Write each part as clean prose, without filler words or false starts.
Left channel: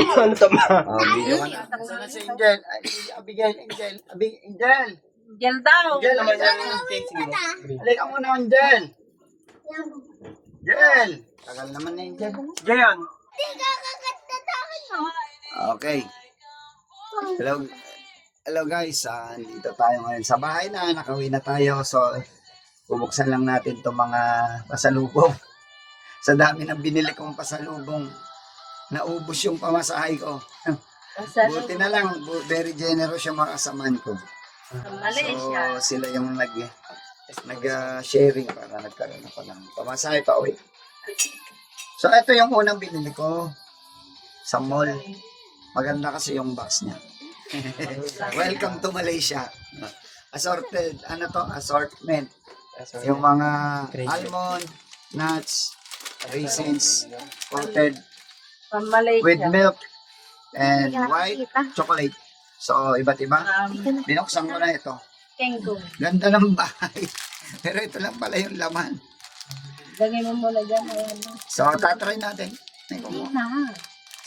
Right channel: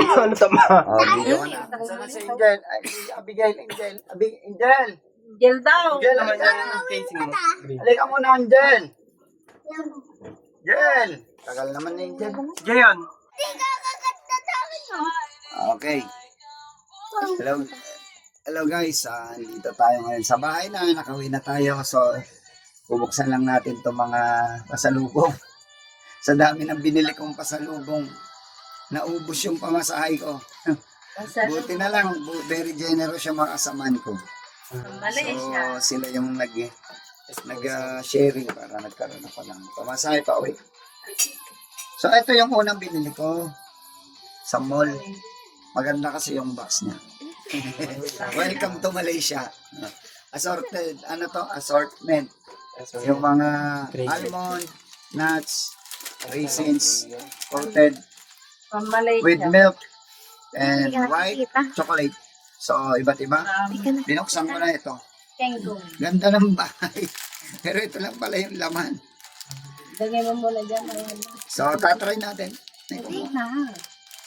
Ano tama? Oh, video ka na. Saan na si Angel? Ay, Abigail, Angel. Angel! Gel daw. Angel, naman yan. Halika muna, Angel. Angel! Tagal naman ni Angel. Jayon. Okay. Hello. Hello guys. Dito tayo ngayon sa bahay na. Nakauwi na tayo. So, bubuksan lang natin itong mga pasalubong. Sa dami ng binili kong pasalubong, naubos yung pamasahe ko. Buti na lang, very generous yung mga kasamaan ko. So, sila yung nag-sharing para nagkaroon ako ng pamasahe pa uwi. So, ito yung unang binili ko sa mall. Maganda kasi yung box niya. Welcome to Malaysia. Assorted, assortment. Yung mga almond, nuts, raisins, coated with milk and white chocolate. So, iba't iba. Binuksan ko na ito. Ganda ng bahay. Pero ito lang pala yung laman. Lagay mo muna dyan. So, tatry natin.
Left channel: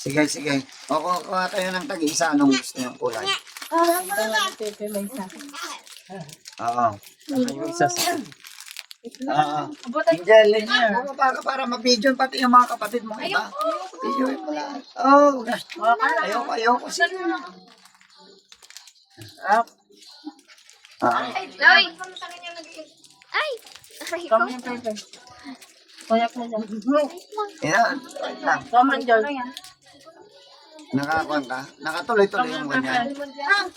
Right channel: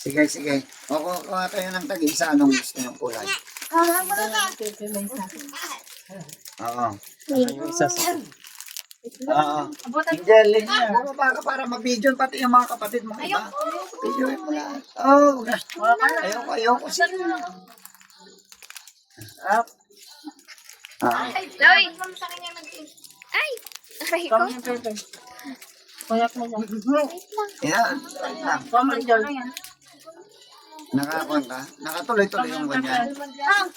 Sige, sige. O, kuha tayo ng tag-isa. Anong gusto yung kulay? Oo. Yung isa sa... Oo. Angel, bumaba ka para ma-video pati yung mga kapatid mo. Iba. Video mo lahat. Oh, ayoko. Loy! Ay! Aray ko. Kuyak na dyan. Yan. Wait lang. Common Gel. Nakakuha ka? Nakatuloy-tuloy yung ganyan.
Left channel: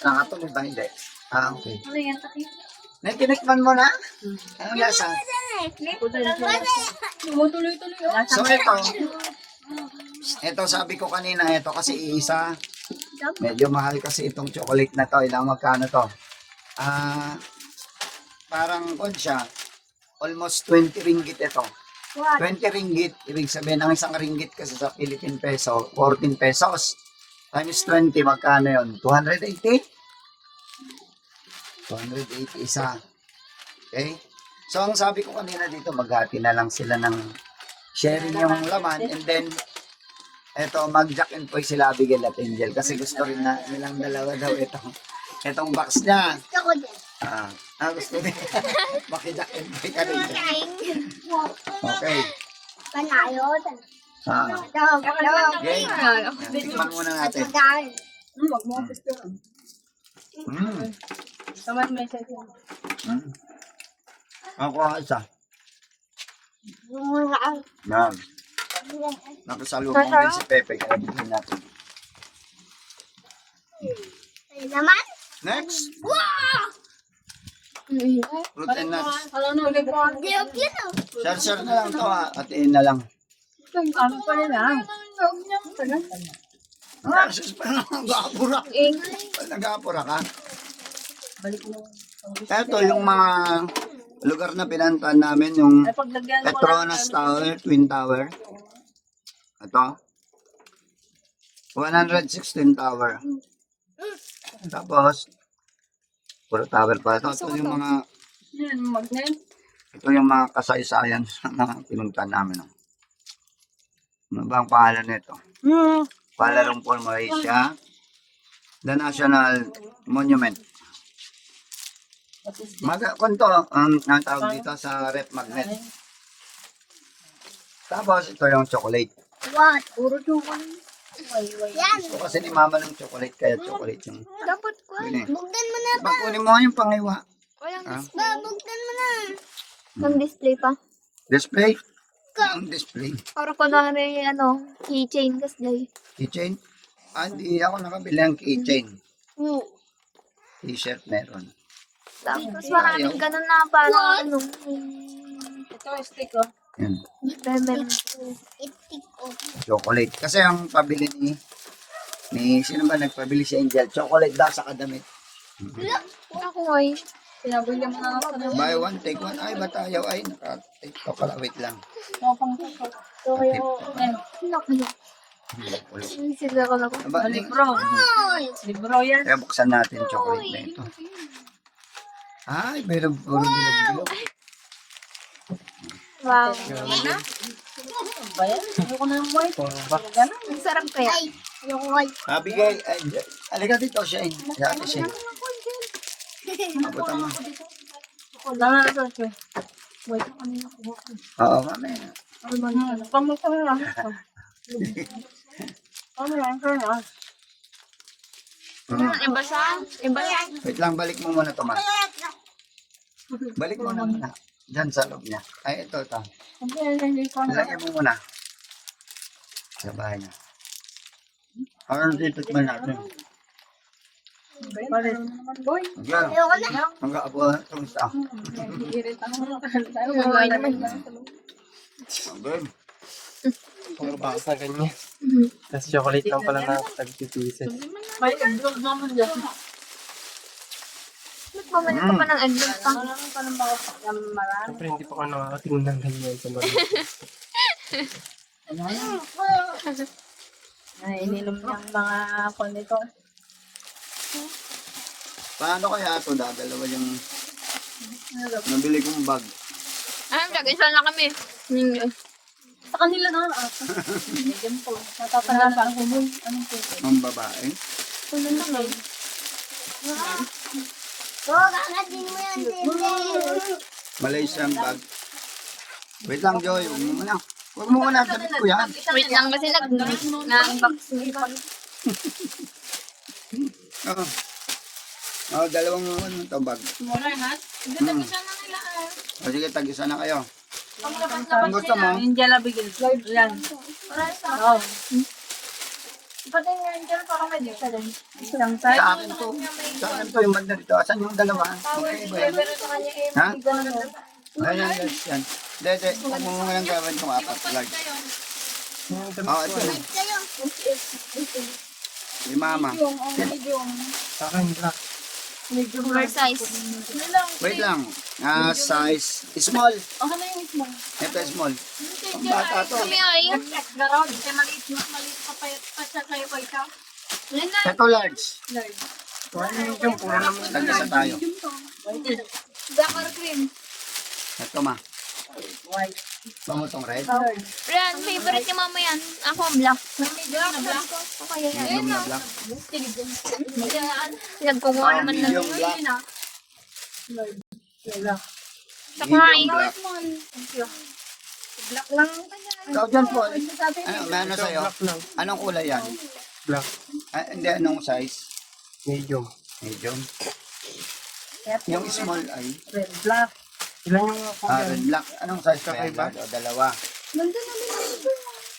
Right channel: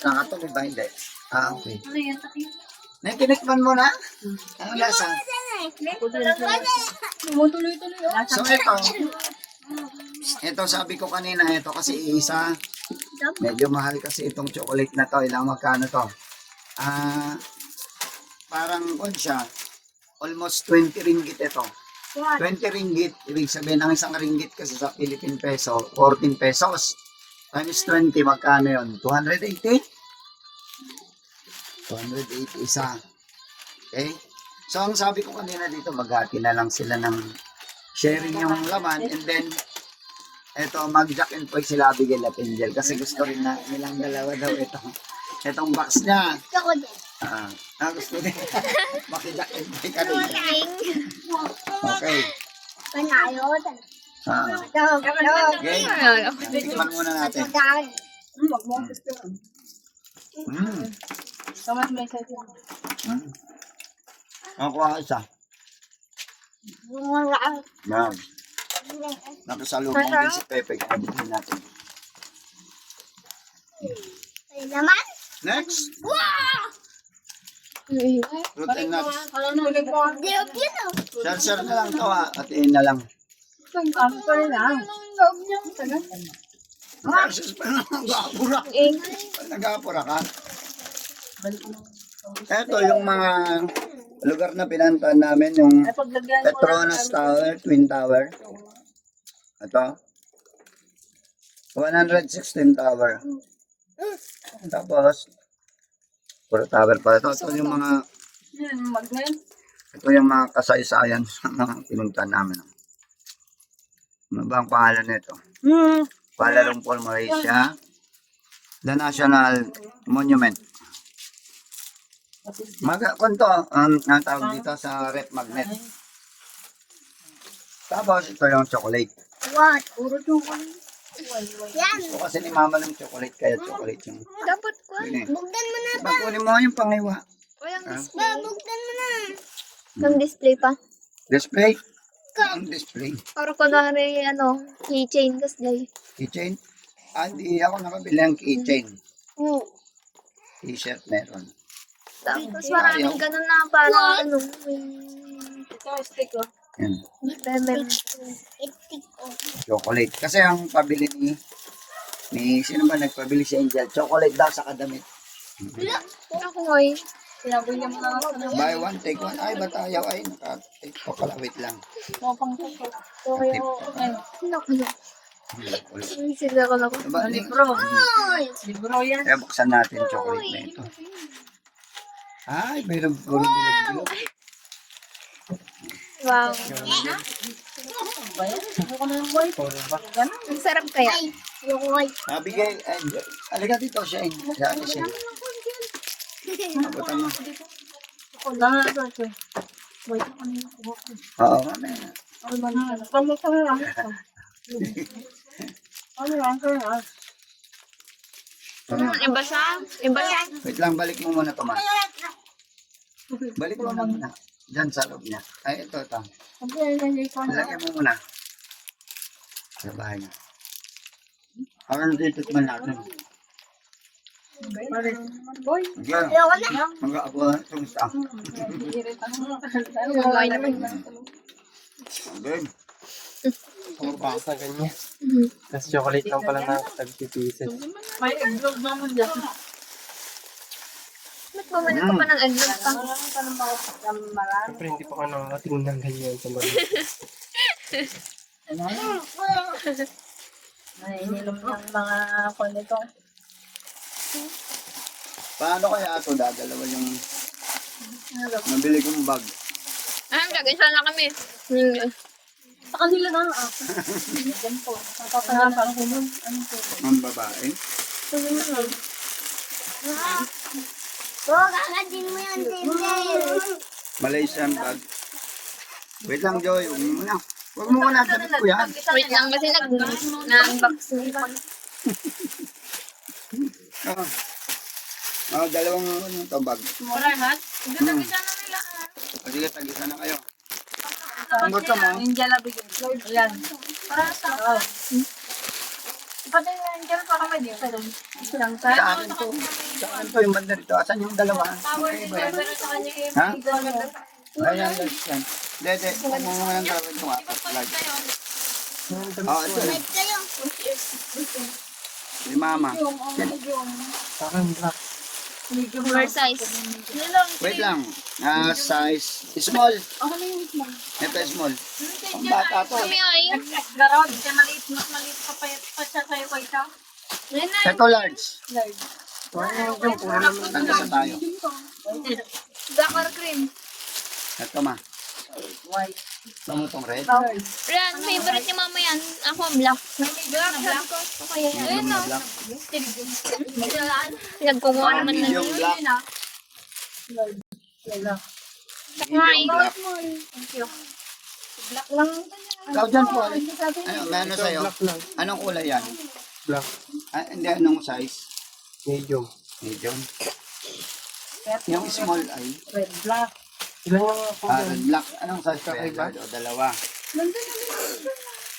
Nakatuloy ba? Hindi. Okay. Natinikman mo na? Ano lasa? So ito sabi ko kanina, ito kasi isa. Medyo mahal kasi itong chocolate na to. Ilang magkano to? Parang kung siya, almost 20 ringgit ito. 20 ringgit, ibig sabihin ang isang ringgit kasi sa Philippine peso, 14 pesos. Times 20, magkano yun? 280? 280 isa. Okay? So, ang sabi ko kanina dito, maghati na lang sila ng sharing yung laman and then eto, mag-jack and poy sila Abigail at Angel kasi gusto rin na nilang dalawa daw itong box niya. Gusto ko din. Gusto din. Maki-jack and poy ka rin. Okay. Panalo. Okay. Tikman muna natin. Ako ang isa. Yan. Nakasalubong din si Pepe. Kaya din natin. Naman? Next. Wow! Fruit and nuts. Diop yun oh. Share na lang to ha. Atiin na lang. Nag-aapura. Nag-aapura ka. Ito yung mga lugar na pinantaan namin. Yung Petronas Tower, Twin Tower. Ito. 116 Tower. Tapos, puro tower pa. Ito yung mga kasaysayan sa mga pinuntahan namin. Ano ba ang pangalan nito? Kuala Lumpur, Malaysia. The National Monument. Kunto, ang tawag dito sa rep magnet. Tapos, ito yung chocolate. What? Puro chocolate. Yan. Ito kasi ni mama ng chocolate, kaya chocolate yung... Dapat ko. Bugdan mo na ba? Kunin mo yung pangiwa. Walang display. Bugdan mo na. Walang display pa. Display? Ang display. Para kunwari, keychain kasi. Keychain? Hindi ako nakabili ang keychain. Oo. T-shirt meron. Tapos maraming ganun na para Ito, stick oh. Yan. chocolate. Chocolate. Kasi ang pabili ni sino ba nagpabili si Angel? Chocolate daw sa kadamit. Ako ngayon. Buy one, take one. Ay, ba't ayaw? Ay, naka-take pa pala. Wait lang. Sila ko na ko. Libro yan. Kaya buksan natin yung chocolate na ito. Ay, bilog. Wow. Ang sarap kaya. Yung white. Bigay. Alika dito, Shane. Dati, Shane. Abutan mo. Langan ito ito. Wait, ano yung kuha ko? Oo, mamaya. Ano ba na? Kamo ko na lang. Ano yan? Ano yan? Iba siya? Iba siya? Wait lang, balik mo muna ito, ma. Balik mo muna. Diyan sa loob niya. Ay, ito. Ano yan? Hindi ko na. Lagyan mo muna. Sa bahay niya. Parang dito man natin. Boy. Diyan. Ayoko na. Mag-aabo. Kamusta? Okay naman. Good. Puro basa ganyan. Tapos chocolate lang pala na tag-pieces. May egglog naman dyan. Ba't bumalik ka pa ng egglog pa? Marami pa ng mga marami. Siyempre hindi pa ako nakakatingin ng ganyan sa mga. Naininom niyang mga konito. Paano kaya ito dadalawa yung nabili kong bag? Gagasan na kami. Sa kanila na lang. Diyan po. Natatahan pa ako mo. Ano po? Ang babae. Kakadin mo yan, Tinder. Malaysian bag. Wait lang, Joy. Huwag mo muna. Huwag mo muna. Damit ko yan. Wait lang kasi nag-unboxing pa. Oo. Dalawang ano ito bag. Mura hat? Ganda-ganda na nila. O sige, tag-isa na kayo. Ang gusto mo? Angel Abigail. Ayan. Para sa ako. Pati yung Angel pa kami dito doon. Isang Sa time. akin to. Sa akin to yung banda dito. Asan yung dalawa? Okay ba yan? Pero sa kanya eh. Ha? Gano'n. Ayan, yan. Dede, huwag mo nga lang gawin itong apat. Large. Ito. Kayo. Si mama. Sa akin, black. Oversize. Wait lang. Size small. Ano yung mo? Ito small. Ang bata to. Kami ay. Garod. Kaya maliit pa pa siya sa'yo pa siya. Ito large. Tag-isa tayo. Black or cream. Ito ma. White. Ito mo itong red. Rian, favorite ni mama yan. Ako, black. Black. Okay, ayun o. Black. Pinagkumuha naman na Medium yun. black. Saka ay. Medium black. Black lang. Ikaw dyan po. Ano, may ano sa'yo? Black lang. Anong kulay yan? Black. Hindi, anong size? Medium. Medium. Yung small ay Red, black. Ilan yung ako yan? red black. Anong size ka? Kakaiba? Dalawa.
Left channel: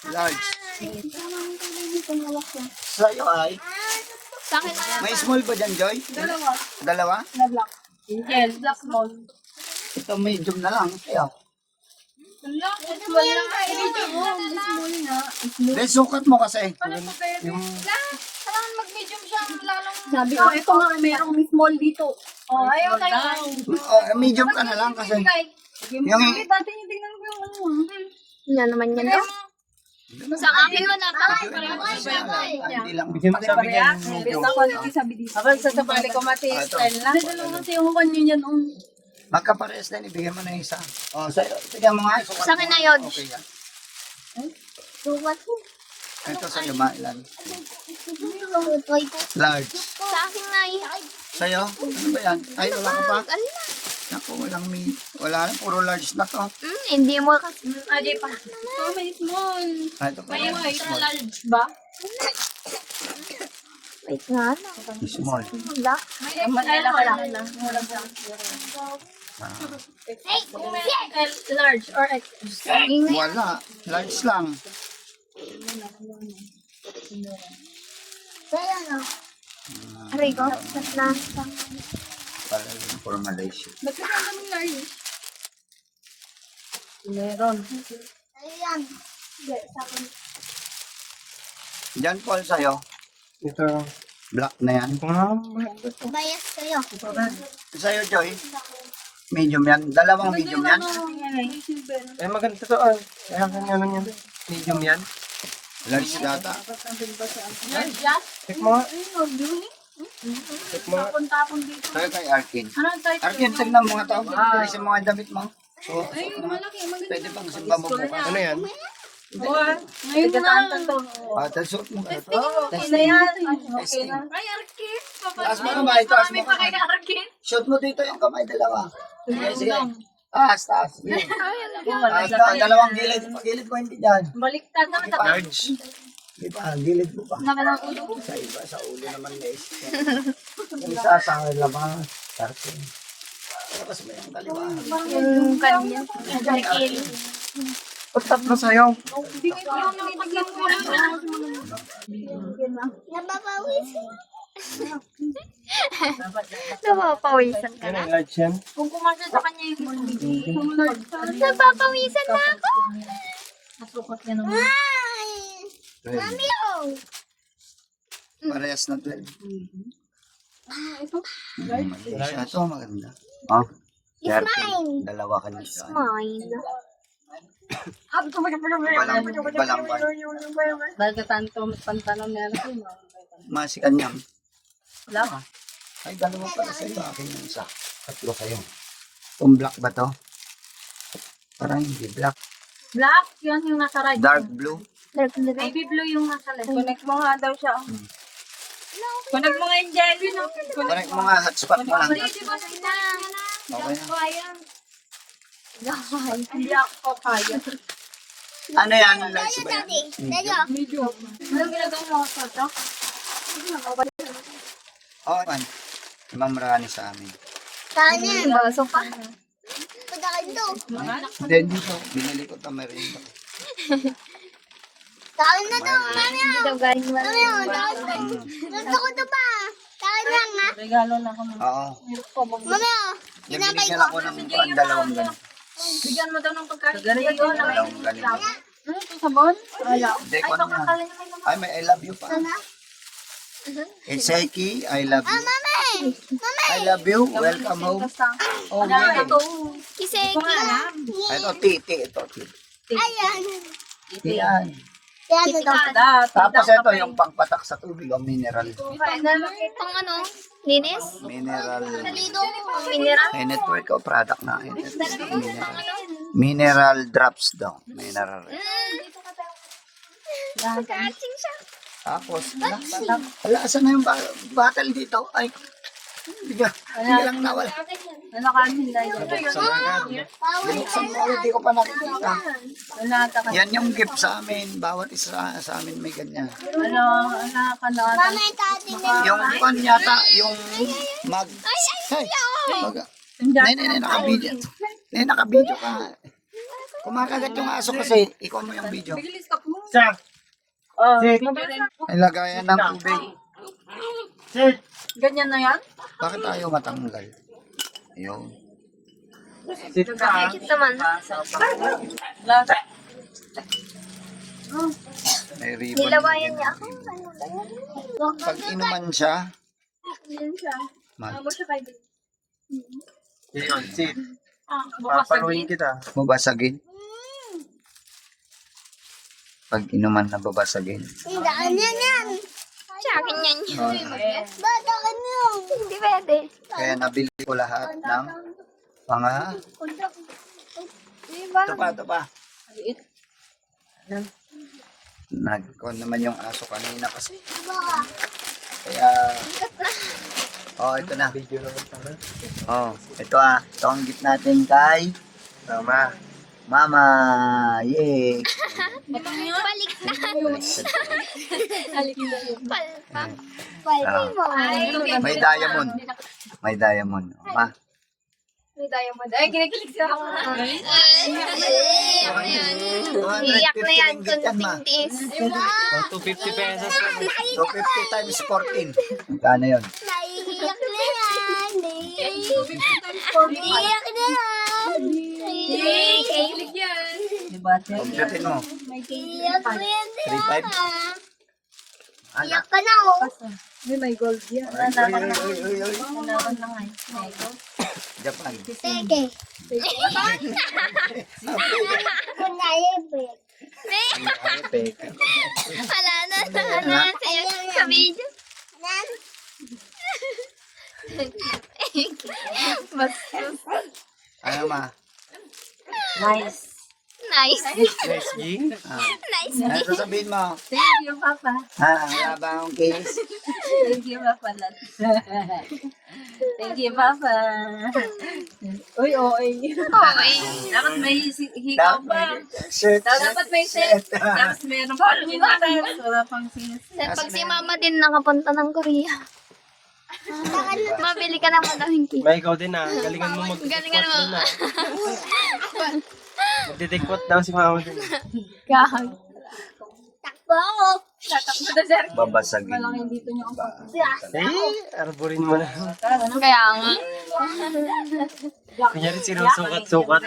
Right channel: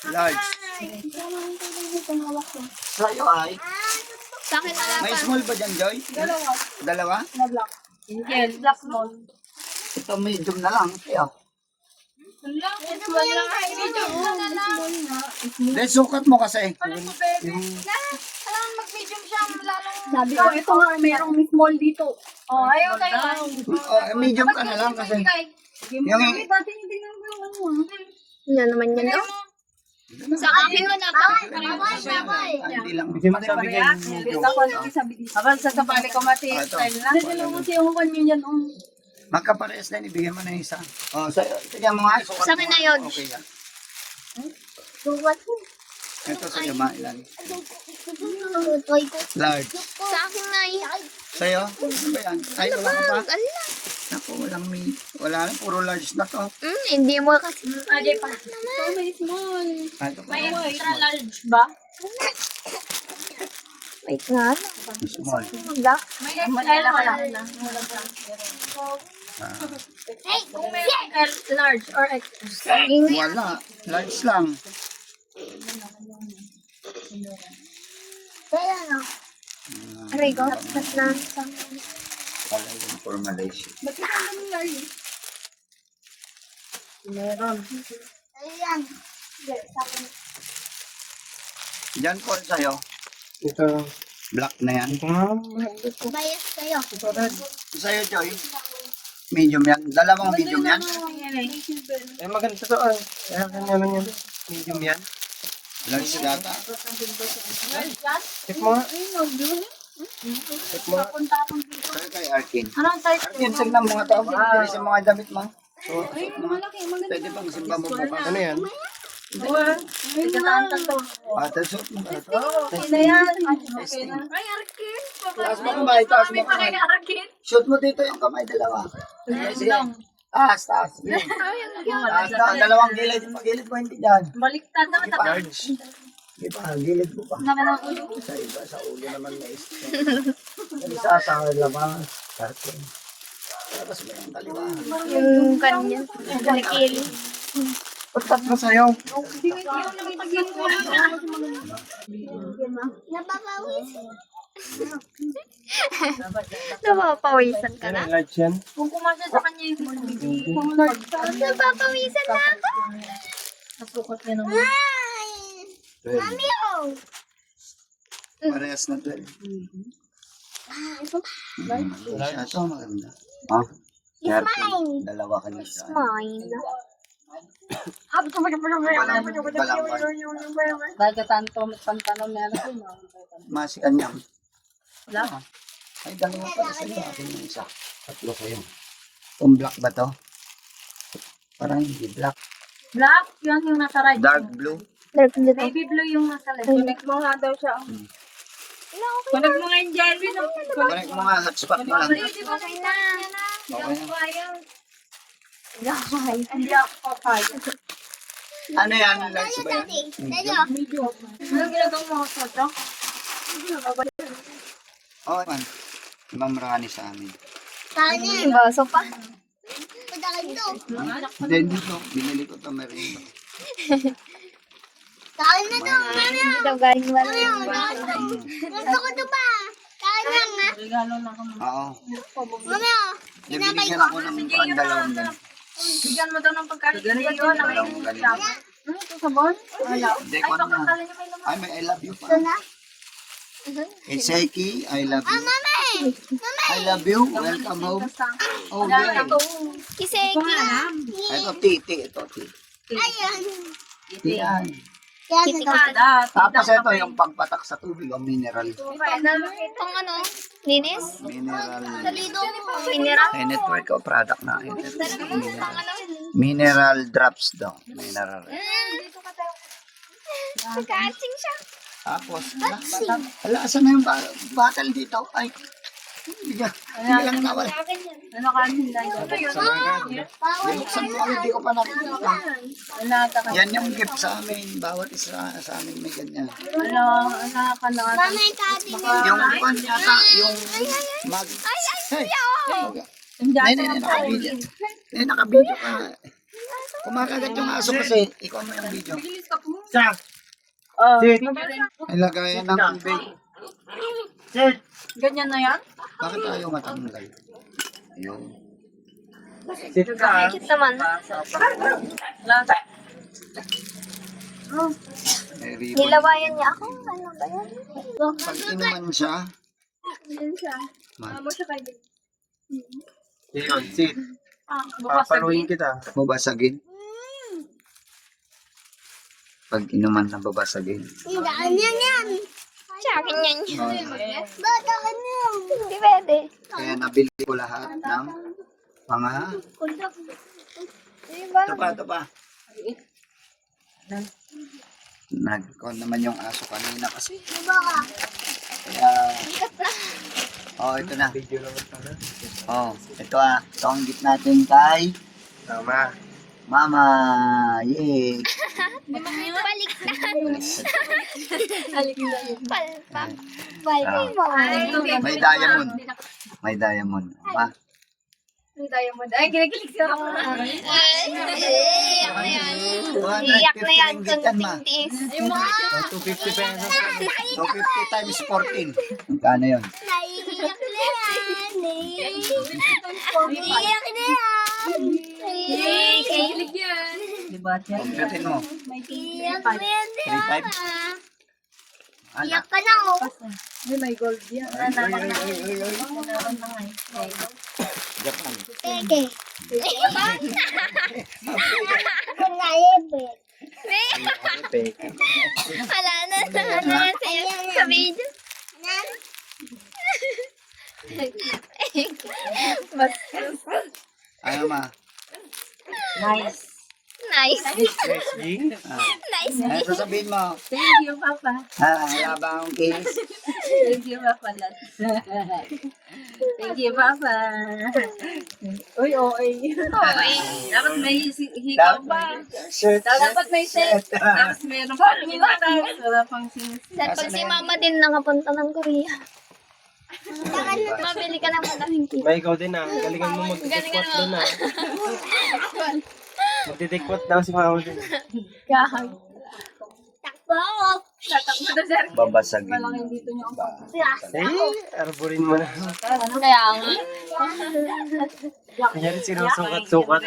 Large. Sa'yo ay? Sa akin na lang May pa. small ba dyan, Joy? Dalawa. Dalawa? Na black. Angel, black small. Ito medium na lang. Kaya. Small lang. Medium small na. Dahil sukat mo kasi. Ano po, baby? Kailangan mag-medium siya. Lalong Sabi ko, ito nga, mayroong small dito. Oh, ayaw tayo. Medium ka na lang kasi. Yung Dati yung tingnan ko yung ano. yan naman yan daw. Sa akin wala pa. hindi lang. Bigyan mo sabi niya yung medium. Ako, sasabali ko mati. Ito. Style lang. Hindi naman kasi yung kanyo yan. Magkapares din. Ibigyan mo na isa. Oh, sa'yo. Sige mo nga. Sukat Sa akin mo. na yun. Okay yan. Suwat mo. Ito sa lima. Ilan? Try ko. Large. Sa akin na yun. Sa'yo? Ano ba yan? Ay, wala ka pa? Ano na? Naku, wala na. Puro large na to. Hindi mo kasi. Ajay pa. May small. Ito pa. May extra large ba? Wait nga lang. Small. Wala. May extra wala. Hey, Kung may large or extra. Wala. Large lang. Kaya ano? Aray ko. Ba't na? Pala yung for Malaysia. Meron. Ayan. Diyan Paul sa'yo. Ito. Black na yan. Ito nga. Bias kayo. Sa'yo, Joy. Medium yan. Dalawang medium yan. Eh maganda to. Ay. Kaya kanya naman yan. Medium yan. Large data. Check mo nga. Check mo nga. Tapon dito. Sa'yo kay Arkin. Anong type? Arkin, tignan mo nga to. Pwede sa mga damit mo. So, pwede pang simba mo bukas. Ano yan? Ngayon na. Ate, suot mo ka. Okay na yan. Okay na. Ay, Arkin. Taas mo kamay, taas mo kamay. Arkin. Shoot mo dito yung kamay dalawa. Sige. Taas, taas. Sige. Taas daw, dalawang gilid. Pagilid mo hindi dyan. Baliktad na. Large. Di ba, gilid mo pa. Naka ng ulo. Sa iba, sa ulo naman may isa. Isa sa labang. Tarkin. Tapos mo yung kaliwa. Yung kanya. Nakili. Patap na sa'yo. Napapawisan ka na. Ano, large yan? Kung kumasya sa kanya yung Napapawisan na ako. nasukat niya naman. Parehas na 12. Siya ito, maganda. Oh, 13. Dalawa ka na siya. Mine. Dagatan to, pantalon na rin. Masi kanyang. Ay, dalawa pa sa iyo. Akin yung isa. Tatlo kayo. Kung black ba to? Parang hindi black. Black, yun yung nasa right. Dark blue. Baby blue yung nasa left. Connect mo nga daw siya. Connect mo nga yung jelly, no? Connect mo nga, hotspot mo nga. Di ba sa ina? Okay na. Hindi ako kaya. Ano yan? Lights ba yan? Anong ginagawa mo sa ito? Oh, man. Ma'am Rani sa amin. Baso pa. Then dito, binili ko ito merienda. Hindi daw galing wala. Regalo na ako. Oo. Binigyan ako ng dalawang ganun. Bigyan mo daw ng pagkain. Dalawang ganun. Ano ito sabon? Wala. Hindi ko naman. Ay, may I love you pa. Seiki, I love you. I love you. Welcome home. Oh, good. Kiseki. Ito, titi. Ito, titi. Titi yan. Tapos ito yung pangpatak sa tubig, ang mineral. Pang ano? Linis? Mineral. Mineral? Ay, network ko, product na. Mineral. Mineral drops daw. Mineral. Catching siya. Tapos, wala, asan na yung bottle dito? Ay, hindi lang nawala. Ano ka hindi Sa mga Binuksan ko, hindi ko pa nakikita. Wala ka. Yan yung gift sa amin. Bawat isa sa amin may ganyan. Ano ka na. Yung pan yata, yung mag... Ay, nakabidyo. Nakabidyo ka. Kumakagat yung aso kasi, ikaw mo yung video. Sa! Oh, Sit! Ay, lagayan ng tubig. Sit! ganyan na yan? Bakit ayaw matanggal? Ayun. Sit ka. Cute naman. May ribbon. Nilawayan niya ako. Ano ba yan? Pag inuman siya, Yun siya. man, Yun, sit. Bukas Papaluin kita. babasagin. Pag inuman na babasagin. Sa akin yan. Hindi pwede. Kaya nabili ko lahat ng mga... Diba? Ito pa. Nag-con naman yung aso kanina kasi. Kaya... Oh, ito na. Video naman pala. Oh, ito ah. Ito ang gift natin kay Tama. Mama. Yay! Balik na. Palpak. Ah, may diamond. May diamond. Ma. Ay, kinikilig sila ako. Iyak na yan. Gift yan, ma. Kunting tiis. 250 pesos. 250 times 14. Magkano yun? Iyak na yan. Kinikilig yan. Diba? Computin mo. Iyak na yan. 3.5. Anak. Iyak ka na oh. May gold yan. Uy. Nanakan na nga eh. Japan. Wala na. Ano na sa'yo sa video? Bastos. Ano ma? Nice. Nice. Nice. PSG. Nice. Ano sasabihin mo? Thank you, Papa. Wala ba akong case? Thank you, Papa. Thank you, Papa. Uy, oy. Dapat may hikaw ba? Shirt. Dapat may set. Tapos meron pa rin wala pang sinis. Pag si mama din nakapunta ng Korea. Mabili ka naman ng hindi. May ikaw din ah. Galingan mo Galingan magtidikwat mo. din ah. Magtidikwat daw si mama din. Gahag. Takbo! Tatakbo na, sir. Babasagin. Malaki dito niyo. Eh, arborin mo na. Kaya nga. Kunyari sinusukat-sukat.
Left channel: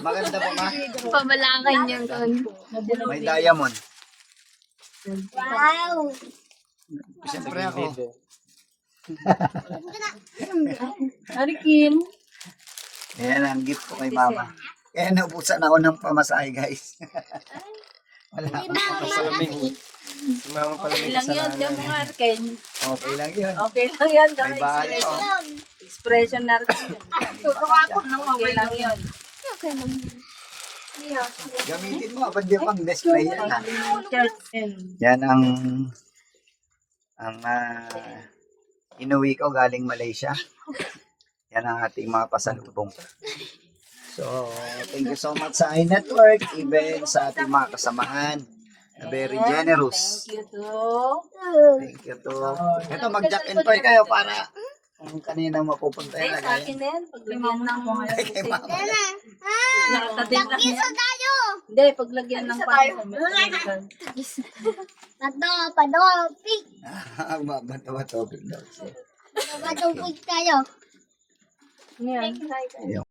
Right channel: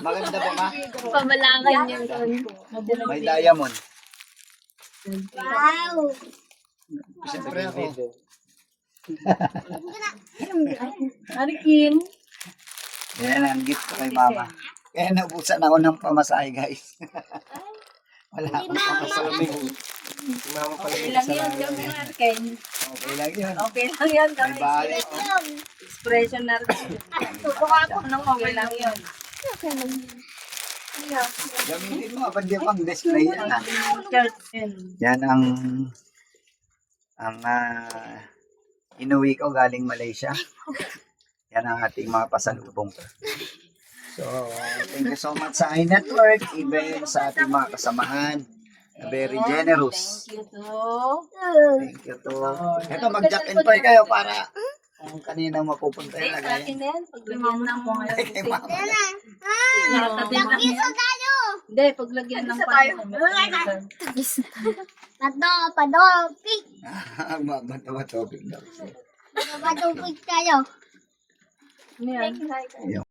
Maganda ba ma? Pabalangan yung doon. May diamond. Wow! Siyempre ako. Arikin. Yan ang gift ko kay mama. Kaya naubusan ako ng pamasahe, guys. Wala akong pamasahe. Si mama pala may Ilang yun, kasalanan. yung Arikin. Okay lang yun. Okay lang yan. May bahay ako. Expression na rin. Okay lang yun. Okay lang. Gamitin mo, ba't di pang display yan? Church. Yan ang inuwi ko galing Malaysia. Yan ang ating mga pasalubong. So, thank you so much sa iNetwork, even sa ating mga kasamahan. Very generous. Thank you to. Thank you to. Ito, mag-jack and pray kayo para ang kanina mapupunta yung Sa lagayan. akin din. Paglagyan ng mga Ay, kay mama. Hindi, paglagyan ng Padopik! Magbabatawa topic daw. Padopik tayo. Yan. Yung